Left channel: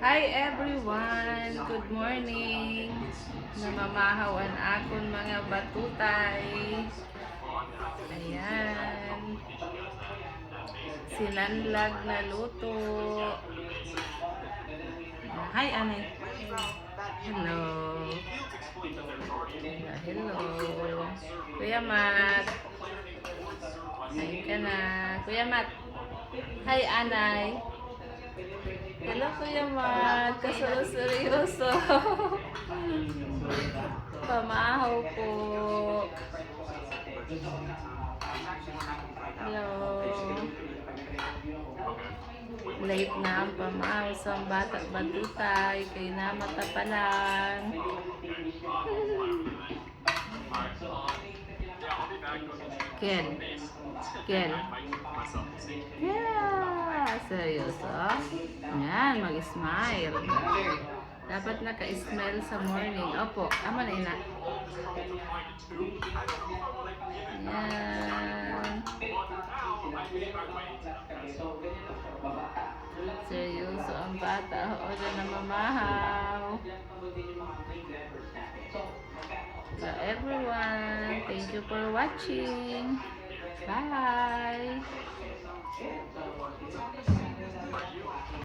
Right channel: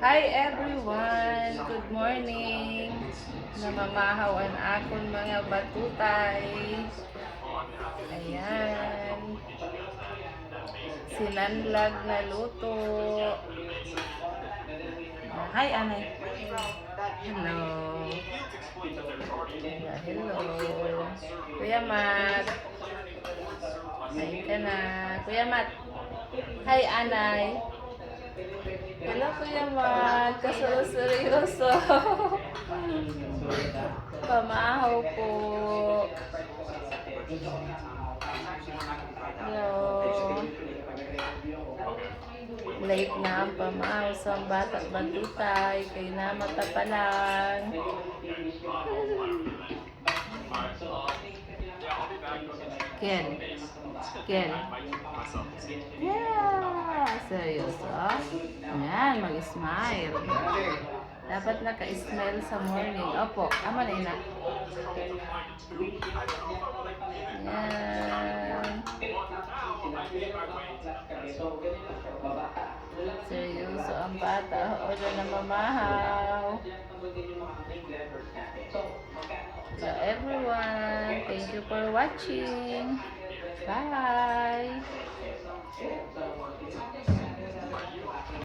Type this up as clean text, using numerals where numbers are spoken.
Hi everyone! Good morning! Namamahawan akon mga batutay. Ayan. Sinanlag na luto. Hi, Anay. Hello. Hello. Kuya Mat. Hi ka na. Kuya Mat. Hi, Anay. Hello, Kuya Mat. Kaseryoso. Pamahaw po. Hello. Late na ang pamahaw sa bata-batutay. Kaya na mata pa lang. Ken. Ken. Yeah! Seryoso? Ayan, mag-smile. Dapat naka-smile sa morning. Opo, ama na ina. Ayan. Seryoso ang bata. O na namamahaw. So everyone, thank you for watching. Bye!